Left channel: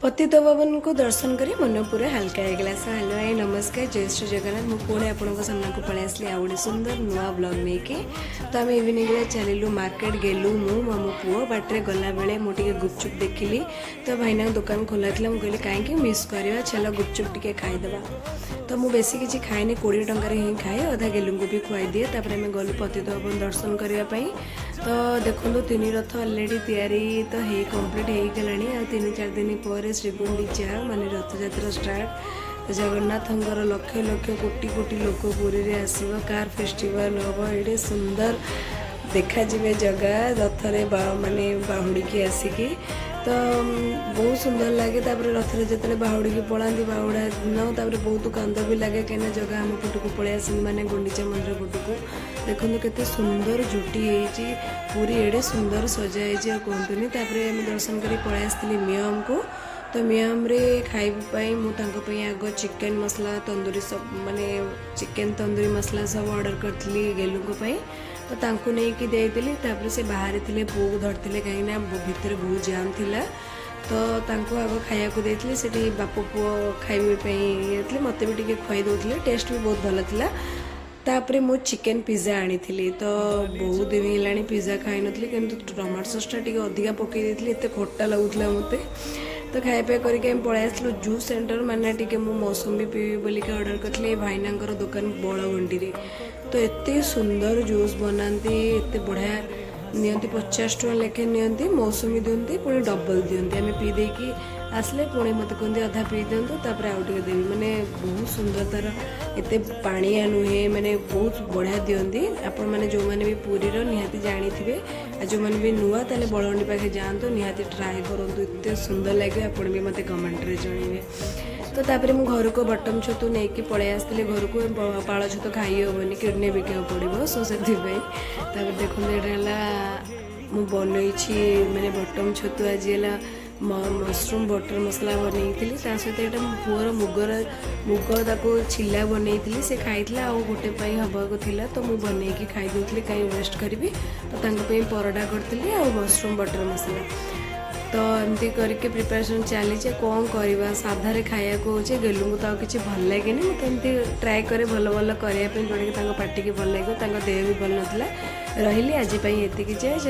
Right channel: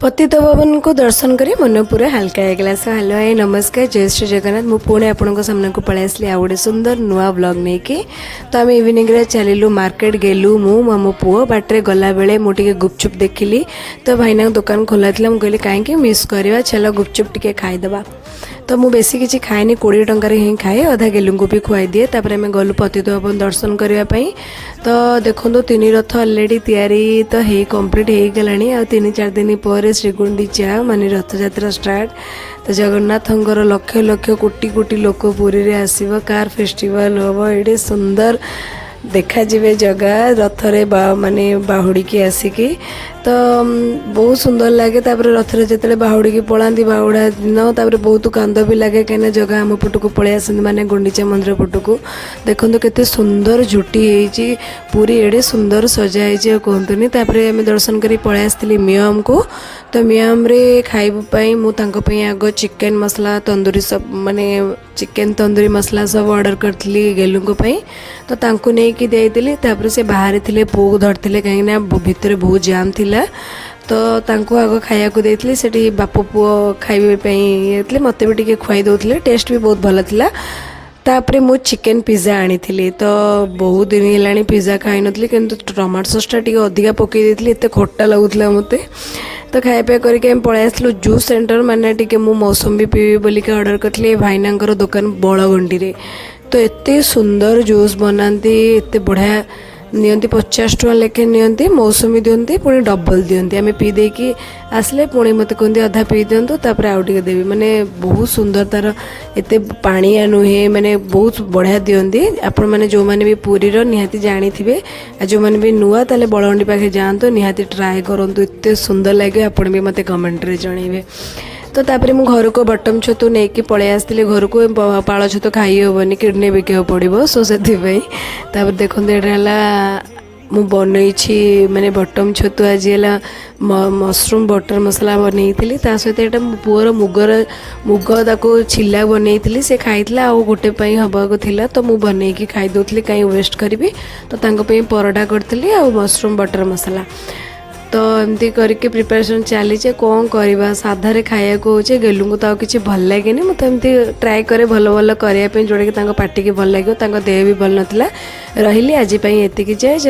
पतित भवन को दर्शन करी मन पूरा हल्का होगा। सो हेलो हाय नमस्कार जय श्री जगन्नाथ। मु पुणे आपण सामने को पळै आसली आ गोटे सुंदर नुआ ब्लॉग नहीं कि तो आम इवनिंग रे चलू मार्केट गेलु मु मो पुओ बाटे गला बेले मुझे गुपचुप देखिली तो भाईना दुकान खोला था मुझे कहीं मिस करवा चलो गुपचुप टिके खाईदे। तो मु बेसी किसी खाएनी 20 टंकार ही खाए अधा गेलू को भी खुआई दिए। तापर आम गलु पतित भवन दर्शन करने तो देखो 3 रथ अलरेडी तैयारी तो हे कंप्लीट हो गला आ 3-4 दिन पर श्रीगुंडीचा माने रथ यात्रा स्टार्ट। तो जगन्नाथंकर लक्ष लक्ष कोटी कोटी लोक पुरी रे आसीबो कार फेस्टिवल हम ये सुंदर देखा जीवे जगह रथरे माने बाहुड़ी की आसिकी तो बहुत सुंदर लगे। तापर रथरे जिते बाहुड़ी की पलांती बाहुड़ा दिन तापर बहुत कांद भी लगे कहीं जगह आम पटक पलि आस माने गुंडीचा मंदिर पटक देखो केते सुंदर झुटी होती पूरी एडे सुंदर सजाई कहतुनी। तापर आम दर्शन कर पलि आसती म्यूजियम को। तो म्यूजियम रे खाइबाई मुझे आग चिकेन मसला तंदूरी सब माने चिकेन तंदूरी मसला सब ऑर्डर करी गेलू तो तांको नहीं कि देली। तापर से बाहर थे पुओ को धरते कहीं भितर बहुत जाम थिला तो तांको आग खाया को देती से बाप पुओ खाइबे मत भी टे खुआई दौले टेस्ट भी बहुत भल था। तापर मु चिकेन पिज्जा आनी तो बहुत दिन है पिज्जा खाई नी कि टमाटो सॉस टी अधिका पकई देती एत खट्टा लगुला मत तो खाया करके पलि आसलु जूस सेंटर माने टी मु मौसमी पीबी बोलिक ऑर्डर करी भाईना दुकान बड़गंडी रे तो एते सुंदर जूस बनाती एते बढ़िया नियंती 50 टका लेखे नियंती मौसमी दियंती पुणी डबल दियंती आम पी देकी आसले पुणी मत कहते अधा पी दिंतु तापर आउ टे देवी माने बहुत सुंदर तार एते पानिया नुहे माने बहुत बढ़िया दियंती। आपण माने जो माने भी पुरी रो निहाती जानी थिबे जो माने भी नुआ ताले बड़गंडी पाखे जांतो निहाती ट्राए करंतु एते सुंदर लगे आपण भी मते कमेंट रे जणीबे। तो तापर मु घर को बटम छतु नहीं कि पलि आसती घर को पाଳ छतु खाई हेबनी किडनी बिका पड़ो सो से देखो मु बनई माने बटम छतु आज है मशरूम बटर मसला बनई सहित यहाँ पुअर मुग ताको छिला बनई से खाई गोटे हवाक थिला तो मु बनई खाई दूसरी कहीं वेस्ट करी तो परोटा करी आ मशरूम बटर मसला तो एमती करके प्रिपरेशन चली कौन करवा साधारे खाया को गेलू को तो किसी भल लगे मत एमती ट्राए करे भल भल करने जोड़ा कि पार्टी की भल लगे देह भी भल नाला रही आज ये जय।